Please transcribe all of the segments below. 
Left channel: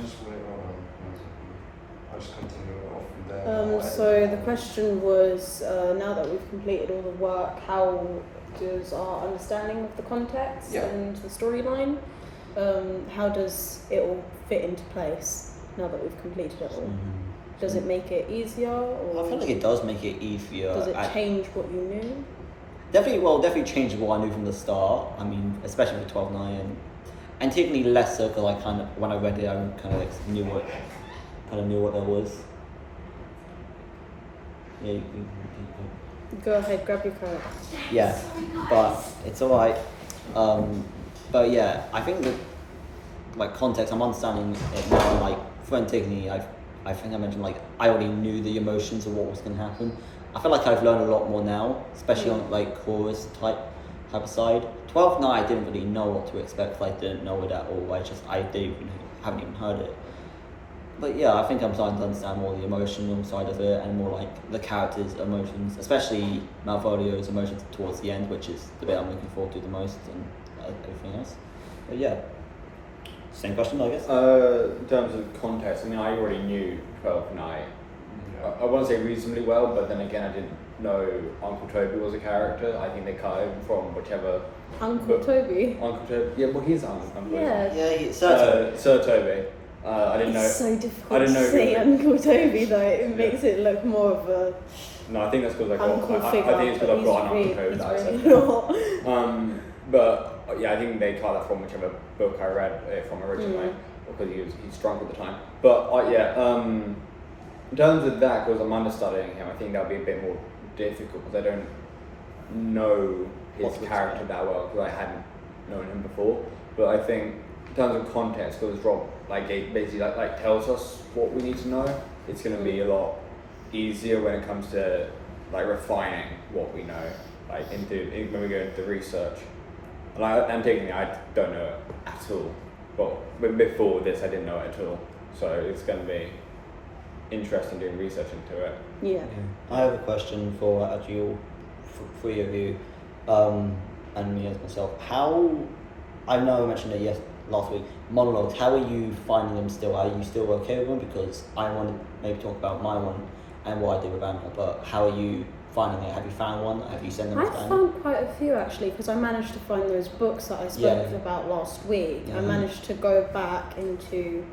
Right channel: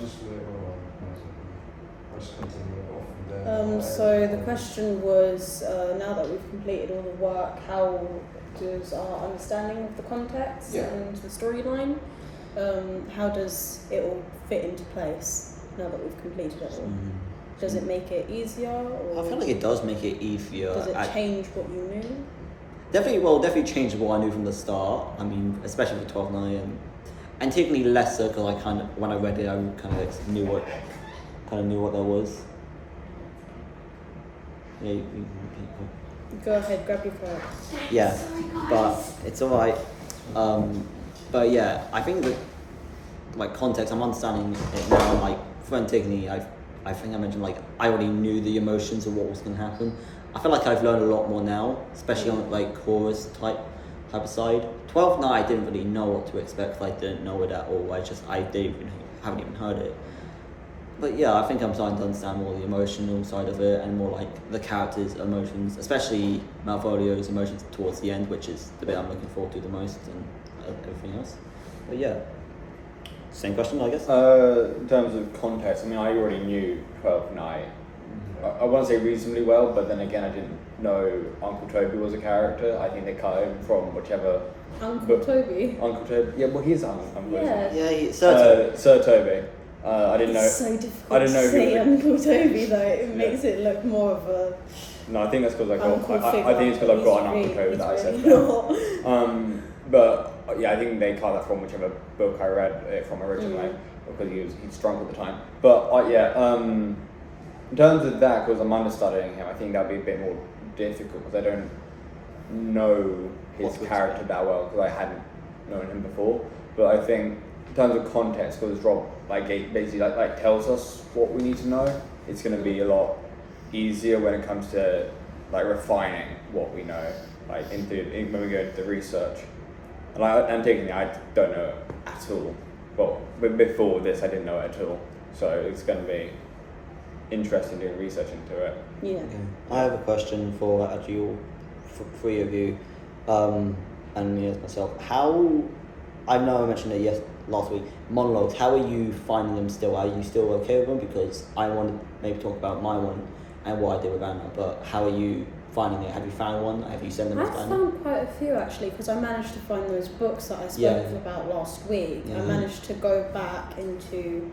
was just wait, hold on. I'll just continue it off from there. So the question was, now that we've completed all the work, how does our understanding of the context and the storyline, how does it all fit into place now that we've completed it all? Does it make it easier? Or I feel like it does make it easier. does it change what you knew? Definitely changed what I knew from the start. I mean, especially with 12.9 and technically lesser because I kind of, when I read it, I kind of knew what that was. Yeah, Go ahead, grab your phone. yeah, but it's alright. But yeah, I think that like context, I'm understanding it now. And like for Antigone, I think I mentioned like I already knew the emotions of what was going to happen. I feel like I've learned a lot more now, especially on like chorus type of side. 12.9, I didn't really know what to expect. I didn't know it at all. Haven't even heard it. But yeah, I think I'm starting to understand more the emotional side of it and more like the characters' emotions, especially Malvolio's emotions towards the end, which is the bit I'm looking forward to the most and everything else. But yeah, same question, I guess. In terms of context, I mean, I already knew 12.9. I want to say reasonably well, but then again, I didn't know Uncle Toby was a character. I think they cut him from whichever. Uncle Toby? Uncle Toby, yeah, well, he's Uncle. Yeah. Sir Toby. I didn't know. It's so difficult to say Uncle Toby though. It makes it look more of a. No, I think that's because I think it's because I've got an Uncle Toby that I said. But yeah, I think they cut that from whichever book I read it from originally because he's drunk at the time. But in terms of that, because I'm understudying him, I think that'll be a bit more difficult because I don't know his character that well because I hadn't known him before. But I think in terms of context, because Rob basically tells us what we need to know, it's going to be a lot easier when it comes to refining what we know, when we go into research. And I'm taking it, I don't know it at all. Well, before this, I didn't know it at all. So it's going to be interesting doing research into it. Yeah. Okay. I have a question for actually all three of you, and me as myself. How, I know I mentioned it last week, monologues, how are you finding them still? Are you still okay with them? Because I want to maybe talk about my one and what I did with Anna, but how are you finding it? Have you found one? Have you sent them to Anna? I found quite a few actually, because I managed to find those books that I spoke about last week. I managed to go back into,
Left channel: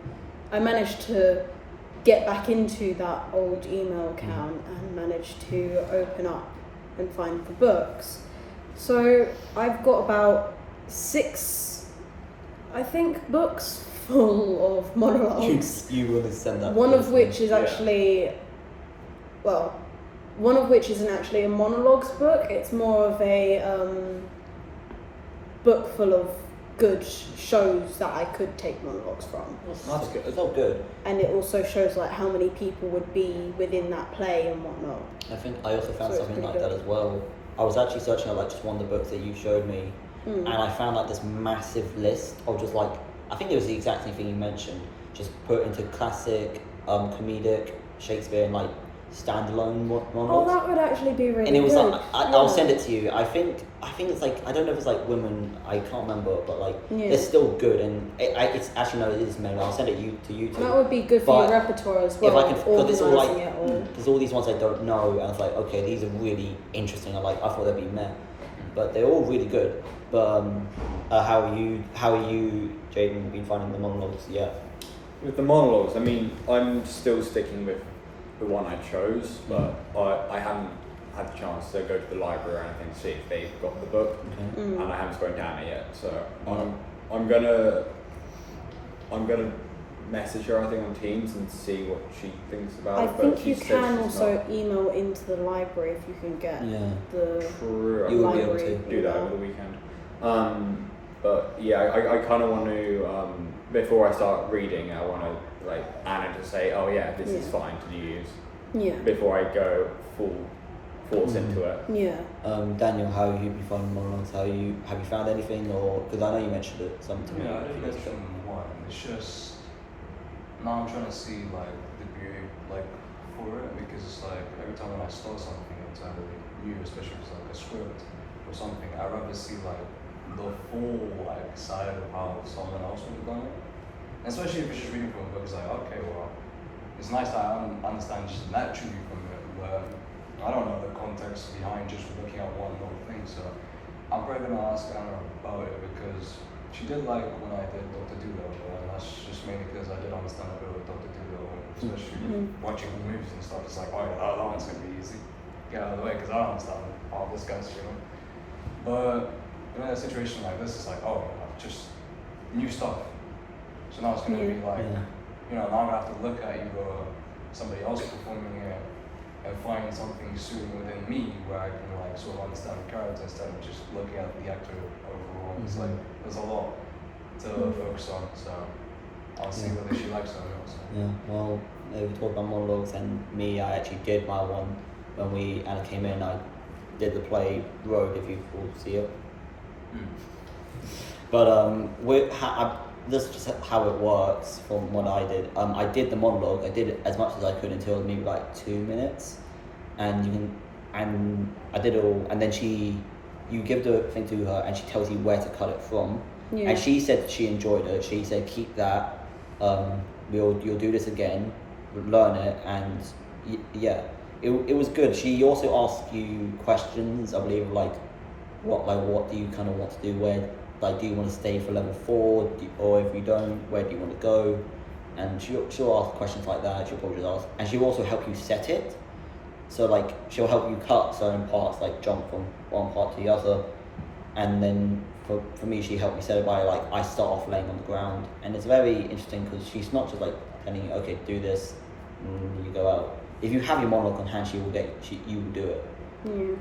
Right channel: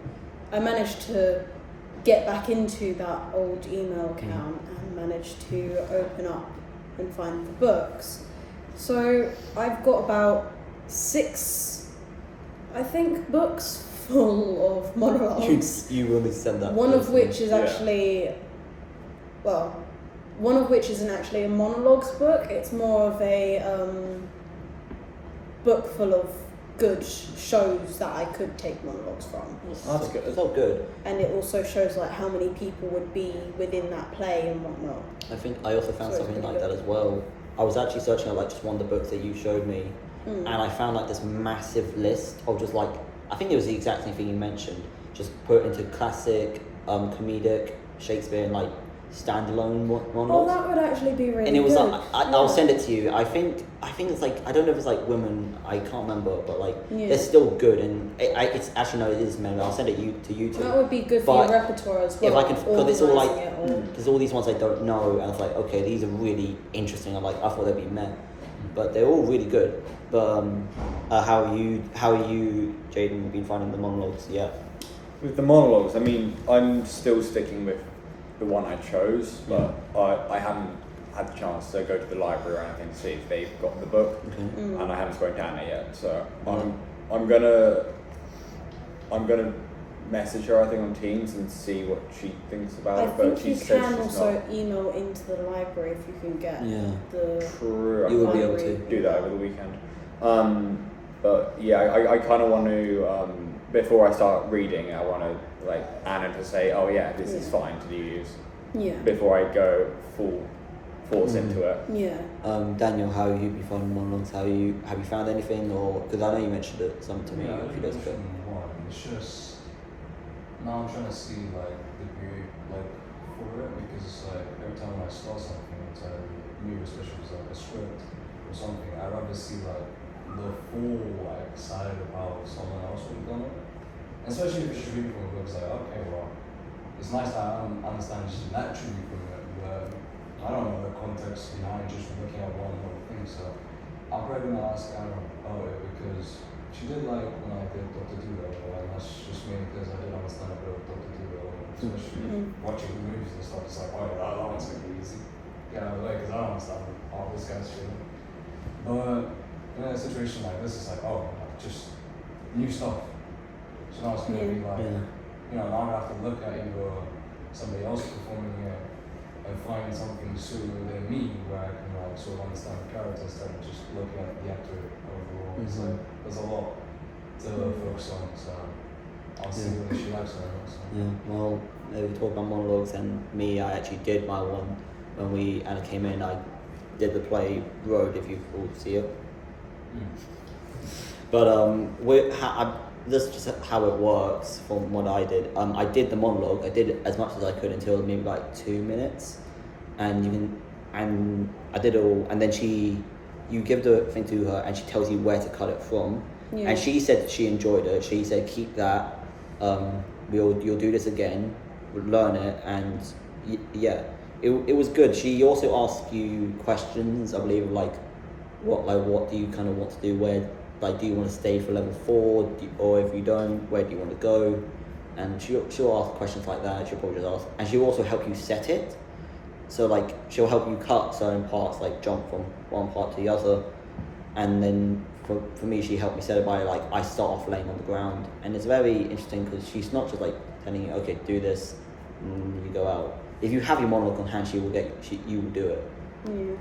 I managed to get back into that old email account and managed to open up and find the books. So I've got about 6, I think, books full of monologues. You will need to send that. One of which is actually, one of which isn't actually a monologues book. It's more of a book full of good shows that I could take monologues from. That's good. It's all good. And it also shows how many people would be within that play and whatnot. I think I also found something like that as well. I was actually searching out just one of the books that you showed me, and I found this massive list of just I think it was the exact same thing you mentioned, just put into classic, comedic, Shakespeare and standalone monologues. Oh, that would actually be really and it was good. I'll send it to you. I think it's I don't know if it's women, I can't remember, but they're still good, and it's actually no, it is maybe I'll send it to you too. That would be good for your repertoire as well. If I can, because it's all there's all these ones I don't know, and it's okay, these are really interesting. I thought they'd be meh, but they're all really good. But how are you, Jaden, been finding the monologues? Yeah. With the monologues, I mean, I'm still sticking with the one I chose, but I haven't had the chance to go to the library or anything to see if they've got the book, and I haven't spoken to Anna yet. So I'm gonna message her, I think, on Teams and see what she thinks about it. I think you can also email into the library if you can get the. True. You will be able to do that over the weekend. But yeah, I kind of want to before I start reading, I want to Anna to say, oh yeah, this is fine to use. Yeah. Before I go full force into it. Yeah. Daniel, how have you been finding monologues? Have you found anything, or because I know you mentioned it some to me a few days ago. It's just now I'm trying to see the period for it, because every time when I start something it's new, especially if it's a script or something, I'd rather see the full side of how someone else would have done it. especially if it's just reading from a book, it's like, okay, well, it's nice I understand just naturally from it, where I don't know the context behind just looking at one little thing, so I'm probably going to ask Anna about it, because she did like when I did Dr. Dolittle, and that's just mainly because I did understand a bit of Dr. Dolittle, especially watching the movies and stuff. It's like, oh, that one's going to be easy. Get out of the way, because I don't understand all this kind of shit. But in a situation like this, it's like, oh, just new stuff. So now it's going to be like, now I have to look at either somebody else performing it and find something suiting within me where I can like sort of understand the character instead of just looking at the actor overall. It's like there's a lot to focus on, so I'll see whether she likes it or not. So. Yeah, well, we talked about monologues, and me, I actually did my one when Anna came in. I did the play Road, if you all see it. But this is just how it works from what I did. I did the monologue. I did as much as I could until maybe like 2 minutes, and I did it all. And then you give the thing to her, and she tells you where to cut it from. Yeah. And she said she enjoyed it. She said keep that. You'll do this again, learn it, and it was good. She also asked you questions, I believe, like what do you kind of want to do? Where, like, do you want to stay for level 4, or if you don't, where do you want to go? And she'll ask questions like that. She'll probably just ask, and she'll also help you set it. So like she'll help you cut certain parts, like jump from one part to the other. And then for me, she helped me set it by like I start off laying on the ground, and it's very interesting because she's not just like telling you, okay, do this, and you go out. If you have your monologue on hand, you will do it.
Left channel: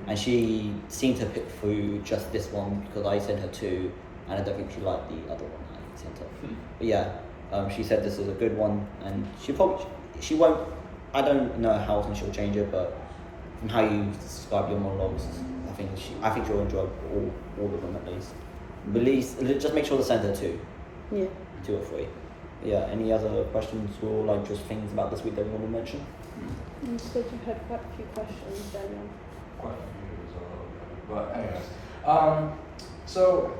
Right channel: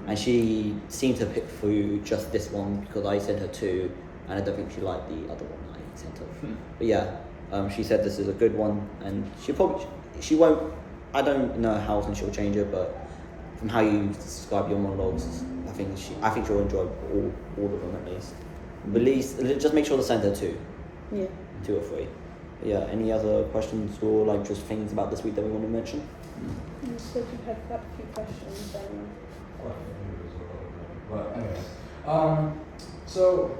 And she seemed to pick through just this one because I sent her 2, and I don't think she liked the other one I sent her. But yeah, she said this is a good one, and she won't. I don't know how often she'll change it, but from how you describe your monologues, I think she'll enjoy all of them at least. Just make sure to send her 2. Yeah. 2 or 3. But yeah. Any other questions or like just things about this week that we want to mention? You said you had quite a few questions. Quite a few, but anyways, so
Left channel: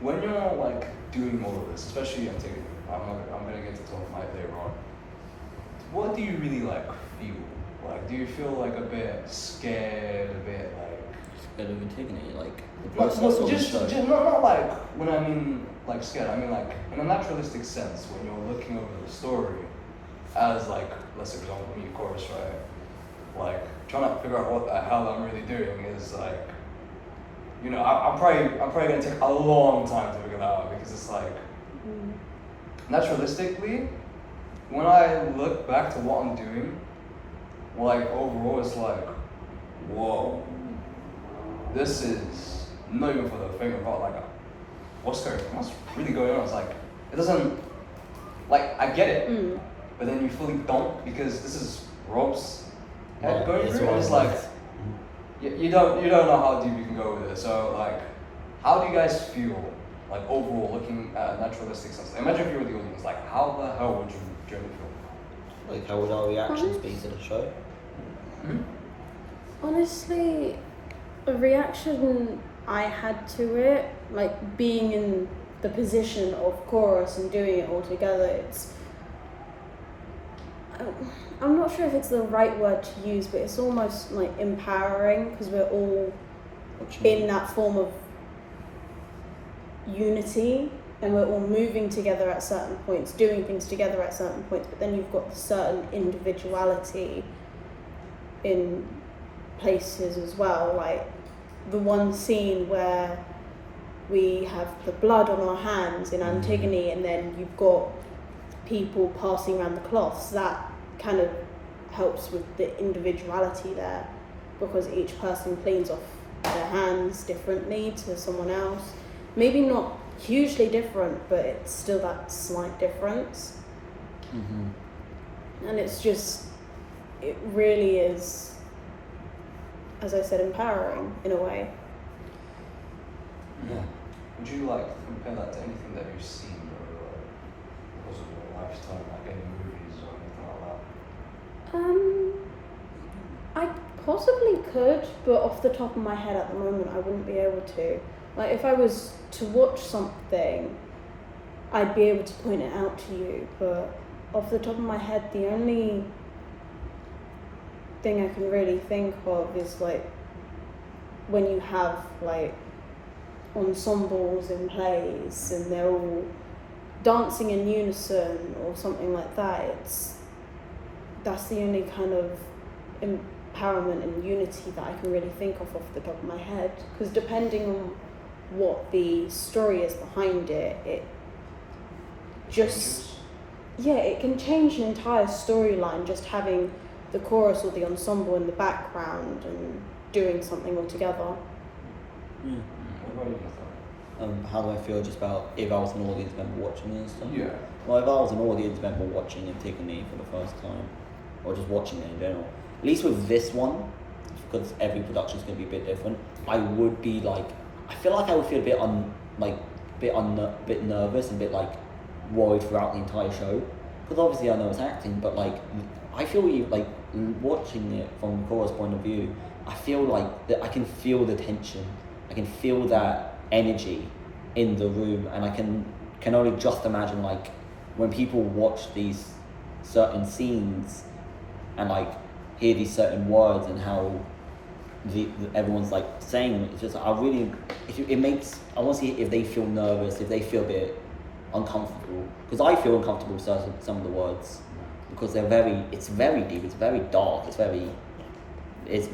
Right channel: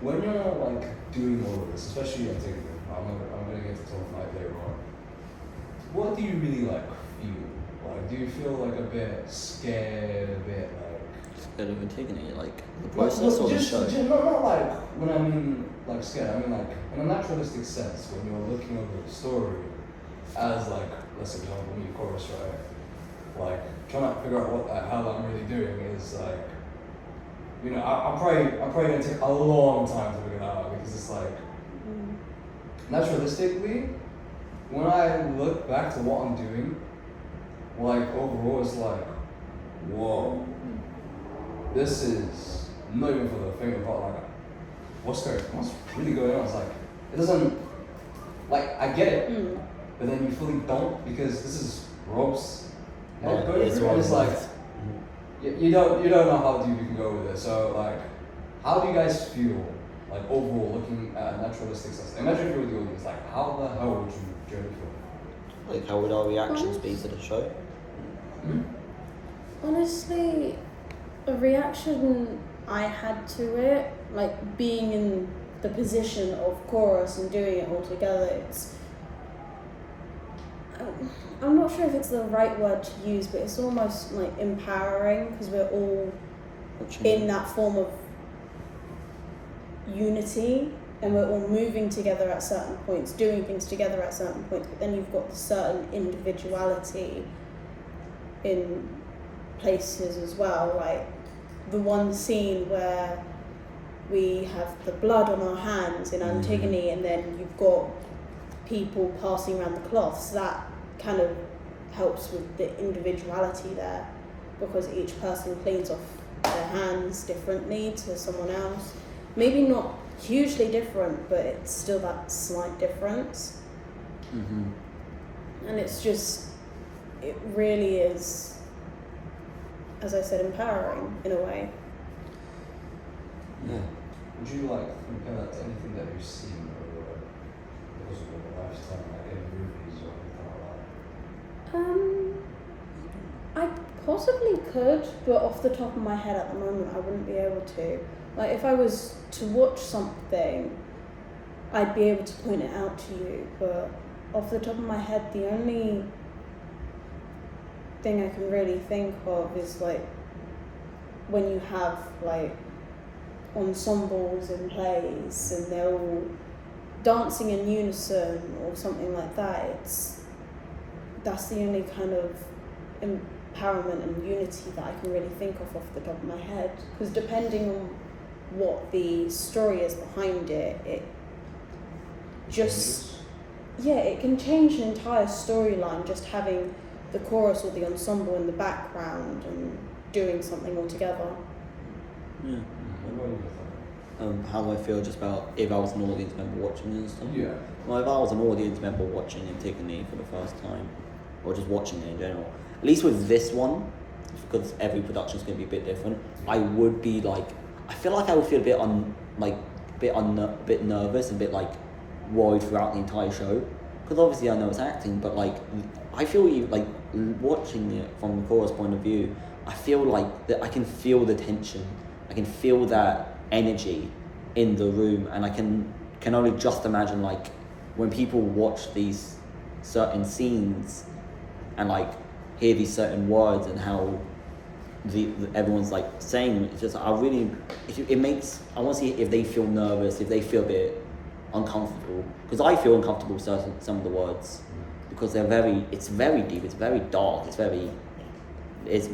when you're like doing all of this, especially Antigone, I'm gonna get to talk about later on. What do you really like feel? Like, do you feel like a bit scared, a bit like scared of Antigone, like the process or just not like when I mean like scared. I mean like in a naturalistic sense when you're looking over the story as like, let's say for example, me, chorus, right? Like trying to figure out what the hell I'm really doing is like, I'm probably gonna take a long time to figure that out because it's like naturalistically, when I look back to what I'm doing, like overall it's like, whoa, this is not even for the faint of heart. Like, what's really going on? It's like, it doesn't, like, I get it, but then you fully don't because this is Rob's head going through it. It's like, you don't know how deep you can go with it. So like, how do you guys feel like overall looking at naturalistic sense? Imagine if you were the audience, like how the hell would you journey feel? Like how would our reactions be to the show? Honestly, the reaction I had to it, like being in the position of chorus and doing it all together, I'm not sure if it's the right word to use, but it's almost like empowering because we're all in that form of unity and we're all moving together at certain points, doing things together at certain points, but then you've got the certain individuality in places as well. Like the one scene where we have the blood on our hands in Antigone and then you've got people passing around the cloths, that kind of helps with the individuality there because each person cleans off their hands differently to someone else. Maybe not hugely different, but it's still that slight difference. And it's just, it really is, as I said, empowering in a way. Yeah. Would you like compare that to anything that you've seen or was it your lifetime, like any movies or anything like that? I possibly could, but off the top of my head at the moment I wouldn't be able to. Like if I was to watch something I'd be able to point it out to you, but off the top of my head, the only thing I can really think of is like when you have like ensembles in plays and they're all dancing in unison or something like that. That's the only kind of empowerment and unity that I can really think of off the top of my head. Because depending on what the story is behind it, it just it can change an entire storyline just having the chorus or the ensemble in the background and doing something all together. Yeah. What about you? How do I feel just about if I was an audience member watching it and stuff? Yeah. Well, if I was an audience member watching Antigone for the first time, or just watching it in general, at least with this one, because every production is going to be a bit different, I would be like, I feel like I would feel a bit nervous and a bit like worried throughout the entire show, because obviously I know it's acting, but like I feel like watching it from the chorus point of view, I feel like that I can feel the tension, I can feel that energy in the room, and I can only just imagine like when people watch these certain scenes and like hear these certain words and how everyone's like saying it. It's just I want to see if they feel nervous, if they feel a bit uncomfortable, because I feel uncomfortable with some of the words, because it's very deep, it's very dark, it's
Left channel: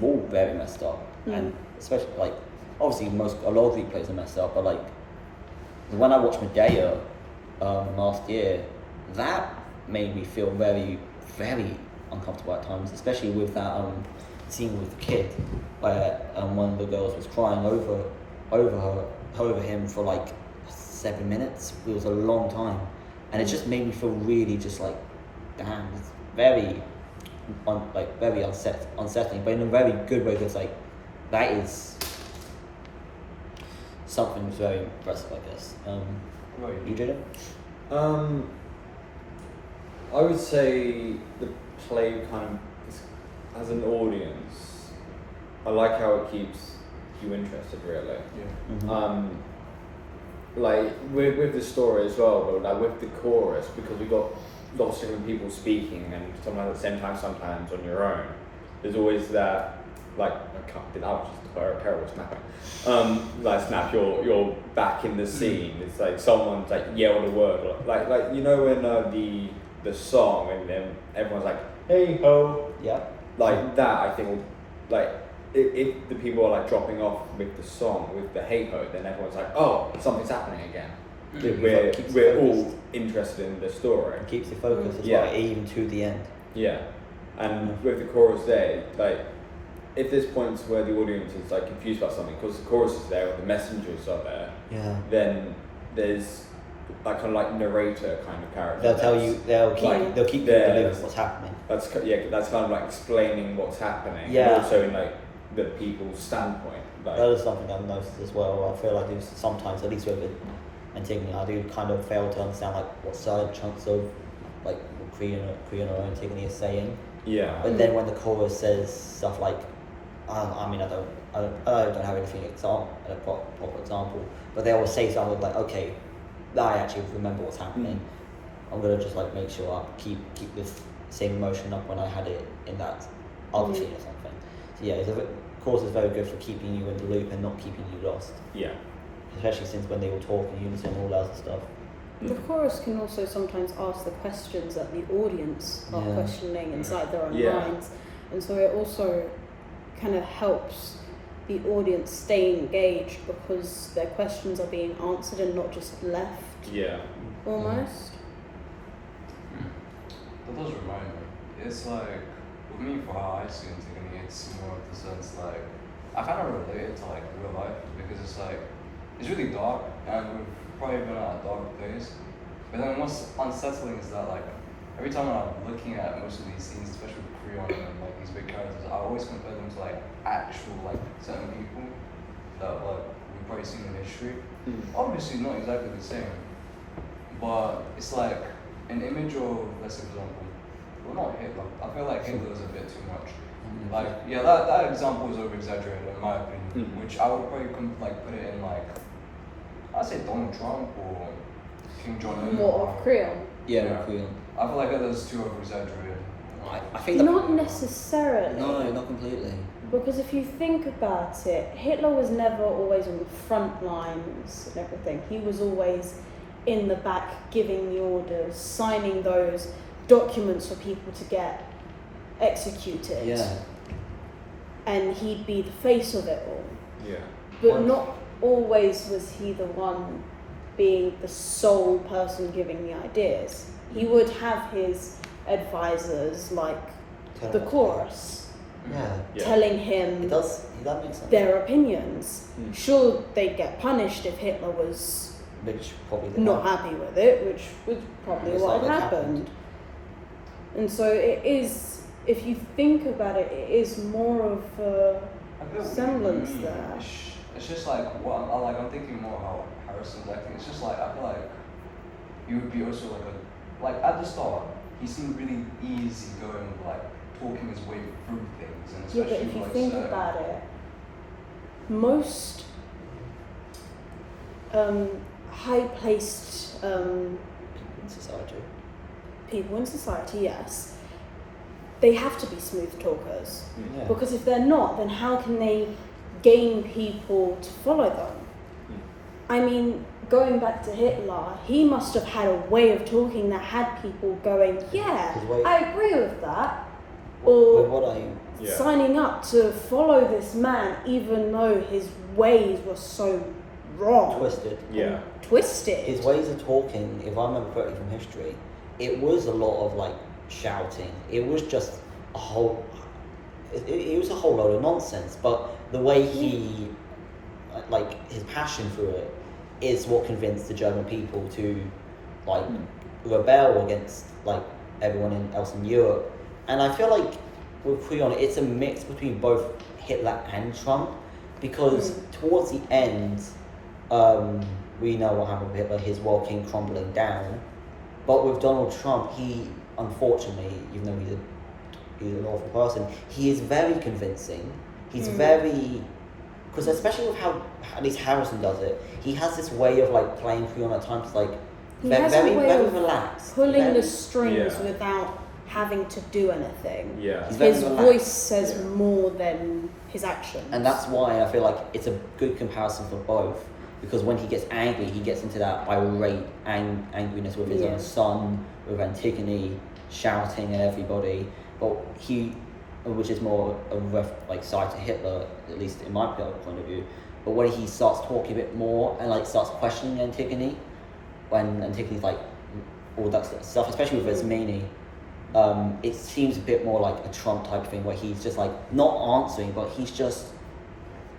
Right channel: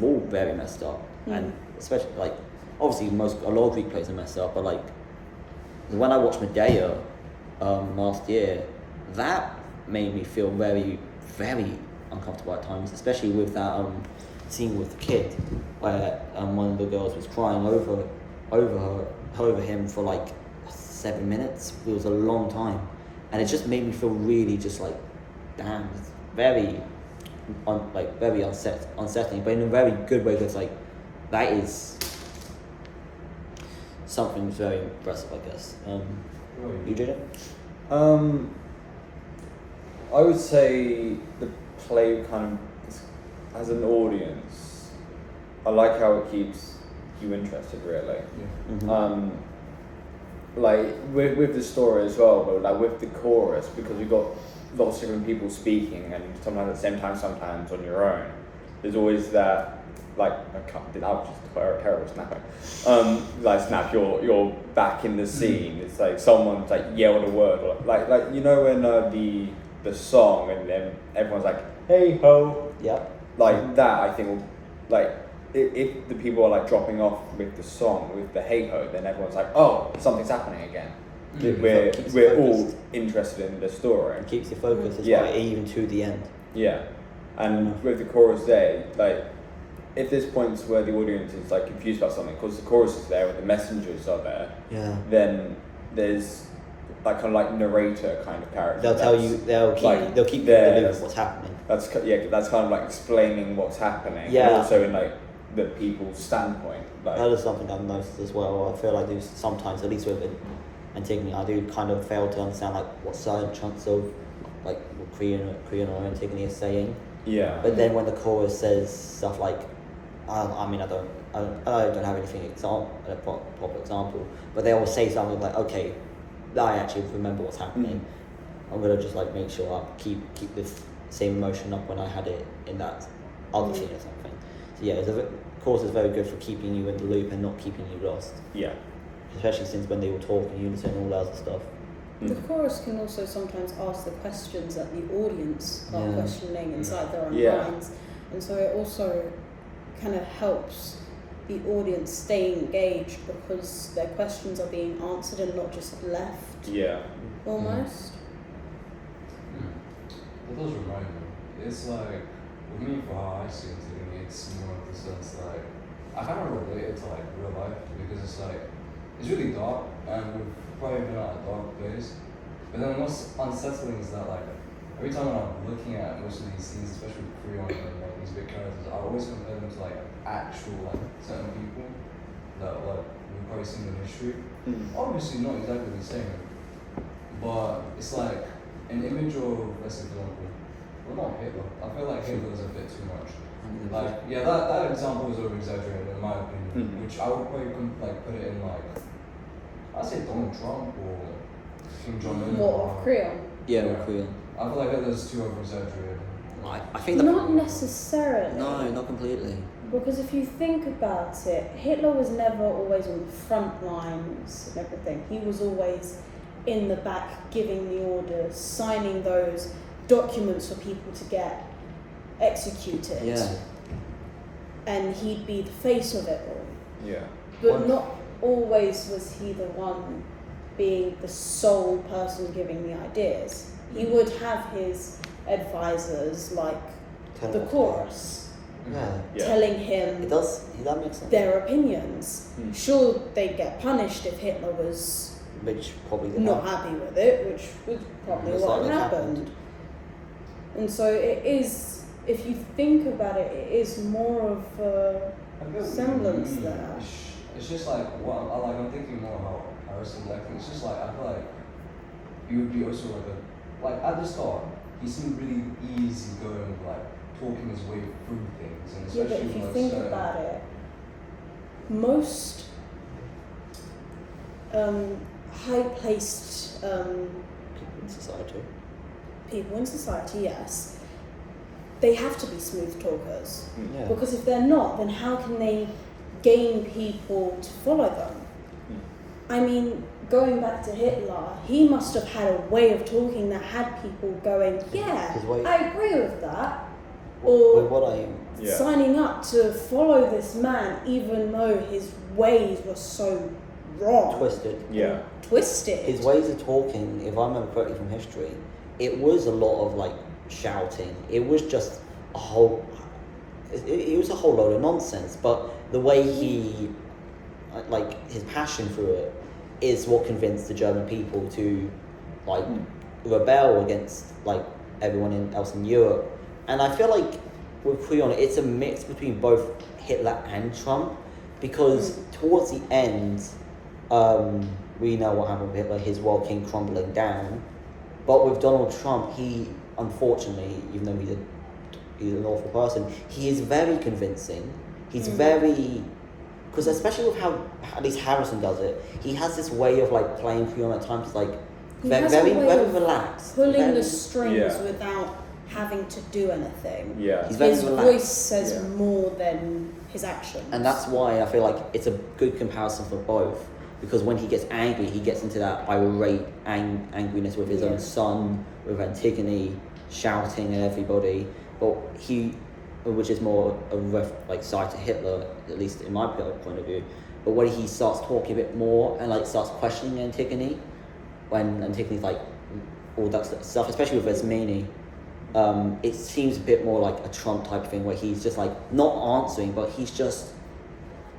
all very messed up. And especially like obviously a lot of Greek plays are messed up, but like when I watched Medea last year, that made me feel very, very uncomfortable at times, especially with that scene with the kid where one of the girls was crying over him for like 7 minutes. It was a long time, and it just made me feel really just like, damn, it's very very unsettling, but in a very good way, because like that is something very impressive, I guess. You did it? I would say the play kind of, as an audience, I like how it keeps you interested, really. Yeah. Mm-hmm. Like with the story as well, but like with the chorus, because we've got lots of different people speaking and sometimes at the same time, sometimes on your own, there's always that, like, I was just a terrible snapper. Like snap, you're back in the scene. It's like someone's like yelled a word, like you know when the song and then everyone's like, hey ho, Yep. like that. I think will, like if the people are like dropping off with the song, with the hey ho, then everyone's like, oh, something's happening again. We're all interested in the story. It keeps you focused as Yeah. well, even to the end. Yeah, and with the chorus there, like if there's points where the audience is like confused about something, because the chorus is there, or the messengers are there, Yeah. then there's like kind of like narrator kind of character. They'll tell you. They'll keep you in the there. loop of what's happening. That's kind of like explaining what's happening. Yeah. Also in like the people's standpoint. Like, That is something I've noticed as well. I feel like there's sometimes, at least with Antigone, I do kind of fail to understand like what certain chunks of like what Creon or Antigone is saying. yeah. But then when the chorus says stuff like, I don't have anything a proper example, but they always say something like, okay, I actually remember what's happening. I'm gonna just like make sure I keep this same emotion up when I had it in that other scene or something. So yeah, chorus is very good for keeping you in the loop and not keeping you lost. Yeah. Especially since when they all talk in unison and all that other stuff. The chorus can also sometimes ask the questions that the audience are Yeah. questioning inside their own Yeah. minds, and so it also kind of helps the audience stay engaged because their questions are being answered and not just left Yeah. almost. That does remind me. It's like, with me, for how I see Antigone, it's more of the sense like, I kind of relate it to like real life, because it's like, it's really dark, and we've probably been at a dark place. But then what's unsettling is that like, every time I'm looking at most of these scenes, especially with Creon and like these big characters, I always compare them to like actual like certain people that like we've probably seen in history. Obviously not exactly the same, but it's like an image of, let's say, for example, well, not Hitler. I feel like Hitler is a bit too much. Like, yeah, that example is over exaggerated in my opinion, which I would probably like put it in like, I'd say Donald Trump or King John. What of Creole? Yeah, Yeah. with Creon. I feel like Hitler's too over exaggerated. I think Not necessarily. No, not completely. Because if you think about it, Hitler was never always on the front lines and everything. He was always in the back giving the orders, signing those documents for people to get executed. Yeah. And he'd be the face of it all. Yeah. But One- not always was he the one being the sole person giving the ideas. He would have his advisors like the chorus Yeah. Yeah. telling him That makes sense. their opinions. Mm. Sure, they'd get punished if Hitler was Which probably did not happen. happy with it, which was probably Most what likely happened. And so it is, if you think about it, it is more of a I feel semblance mm, there. It's just like what I'm thinking more about Harrison's acting. It's just like I feel like he would be also like at the start he seemed really easy going with like talking his way through things, and Yeah, but especially if you like think certain- about it, most high-placed People in society. people in society, yes, they have to be smooth talkers. Yeah. Because if they're not, then how can they gain people to follow them? I mean, going back to Hitler, he must have had a way of talking that had people going, yeah, His way- I agree with that. With what I Yeah. Signing up to follow this man, even though his ways were so wrong, twisted. Yeah. twisted. His ways of talking, if I remember correctly from history, it was a lot of like shouting. It was just a whole. It was a whole load of nonsense. But the way he, like his passion for it, is what convinced the German people to, like, rebel against like everyone else in Europe. And I feel like with Creon, it's a mix between both Hitler and Trump, because towards the end, we know what happened with Hitler, his world came crumbling down. But with Donald Trump, he, unfortunately, even though he's an awful person, he is very convincing. He's very, because especially with how at least Harrison does it, he has this way of like playing Creon at times, like He has a very way very of relaxed, pulling very, the strings Yeah. without having to do anything. Yeah. He's very His relaxed. voice says Yeah. more than his actions. And that's why I feel like it's a good comparison for both. Because when he gets angry, he gets into that irate angriness with his Yeah. own son, with Antigone, shouting at everybody. But which is more a side to Hitler, at least in my point of view. But when he starts talking a bit more and like starts questioning Antigone, when Antigone's like all that stuff, especially with Ismene, it seems a bit more like a Trump type thing where he's just like not answering, but he's just,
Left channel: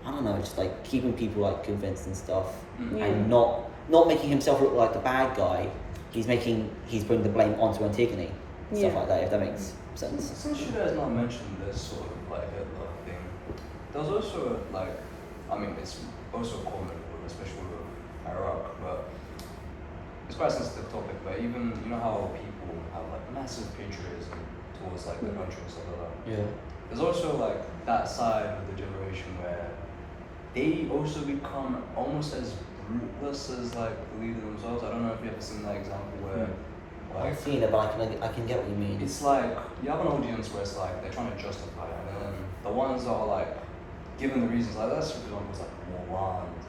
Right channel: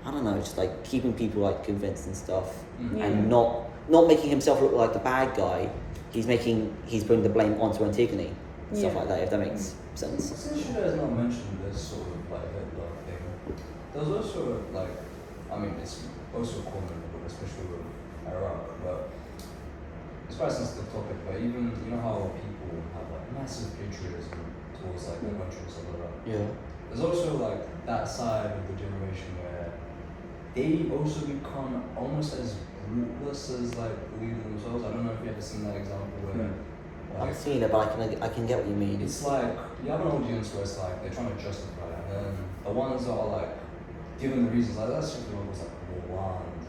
I don't know, just like keeping people like convinced and stuff, and not making himself look like the bad guy. He's bringing the blame onto Antigone, stuff Yeah. like that. If that makes sense. Since you guys not mentioned this sort of like Hitler thing, there's also like, I mean, it's also common, especially with Iraq, but it's quite a sensitive topic. But even you know how people have like massive patriotism towards like the country and stuff like that. Yeah. There's also like that side of the generation where they also become almost as ruthless as like the leader themselves. I don't know if you ever seen that example where. Like, I've seen it, but I can get what you mean. it's like you have an audience where it's like they're trying to justify it, and then the ones that are like given the reasons, like that's for example, it's like more land,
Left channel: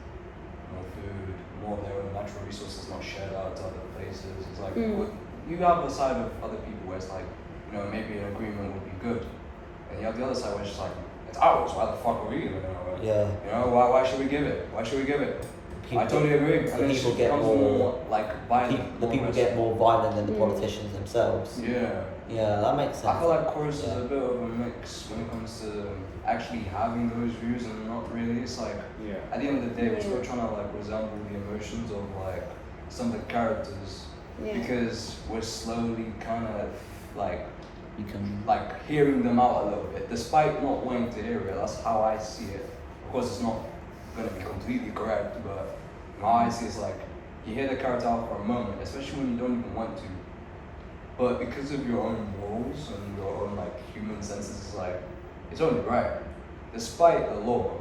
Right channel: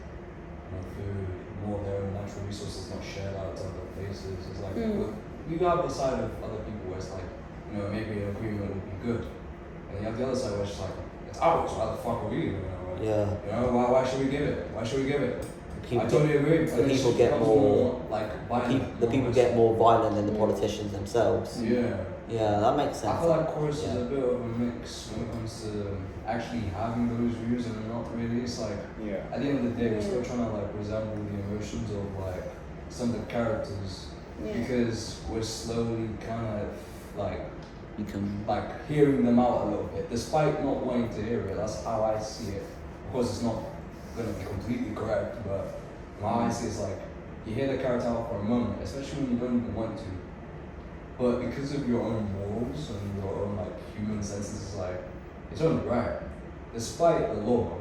more food, more of their own natural resources not shared out to other places. It's like you have the side of other people where it's like, you know, maybe an agreement would be good, and you have the other side where it's just like it's ours. Why the fuck are we giving it away? Yeah. You know, why should we give it? Why should we give it? People I totally agree. the And it people just get becomes more- like violent. The people get more violent than the politicians themselves. Yeah. Yeah, that makes sense. I feel like chorus Yeah. is a bit of a mix when it comes to actually having those views and not really. It's like Yeah. at the end of the day, we're still trying to like resemble the emotions of like some of the characters because we're slowly kind of like hearing them out a little bit, despite not wanting to hear it. That's how I see it. Of course, it's not going to be completely correct, but how I see it's like you hear the character out for a moment, especially when you don't even want to. But because of your own morals and your own like human senses, it's like it's only right. Despite the law,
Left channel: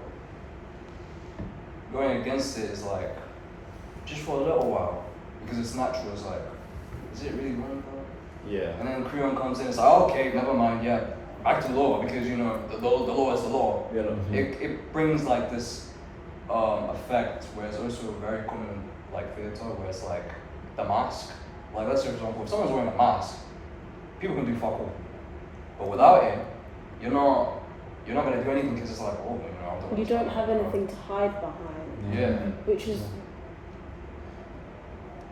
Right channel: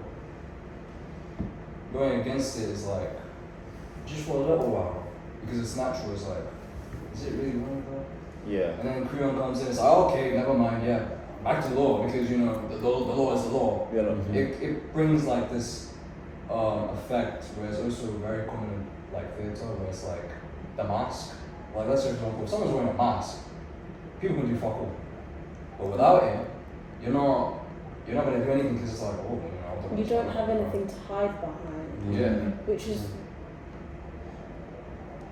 going against it is like just for a little while. because it's natural. It's like, is it really wrong? Yeah. And then Creon comes in. It's like, okay, never mind. Yeah, back to law because you know the law is the law. Yeah. Mhm. It brings like this effect where it's also very common in like theatre where it's like the mask. Like let's say for example, if someone's wearing a mask, people can do fuck all. But without it, you're not gonna do anything because it's like, oh, you know, You don't have anything to hide behind. Yeah. Which is,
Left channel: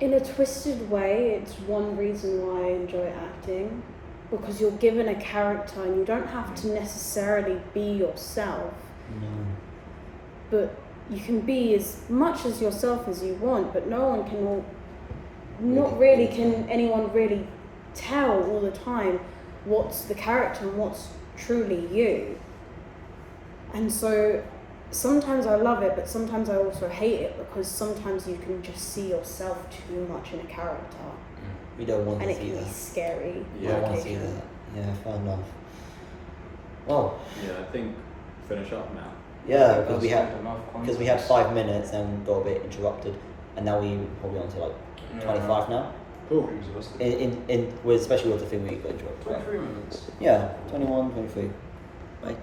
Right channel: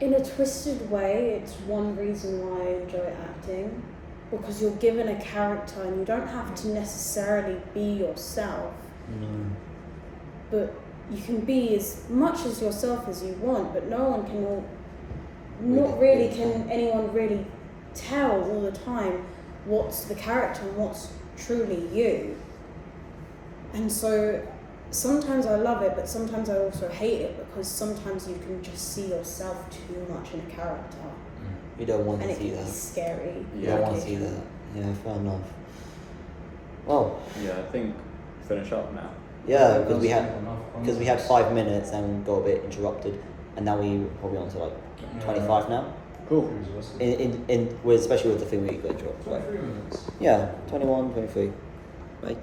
in a twisted way, it's one reason why I enjoy acting, because you're given a character and you don't have to necessarily be yourself, No. but you can be as much as yourself as you want, but no one can not really can anyone really tell all the time what's the character and what's truly you. And so sometimes I love it, but sometimes I also hate it because sometimes you can just see yourself too much in a character You don't want and to it see can be that. scary. You don't want to see that. Yeah, fair enough. Well, Yeah, I think finish up now. yeah, because we had 5 minutes and got a bit interrupted, and now we're probably on to like 25 now. Cool. Especially with the thing we got interrupted. 23 minutes. Yeah, 21, 23. Bye.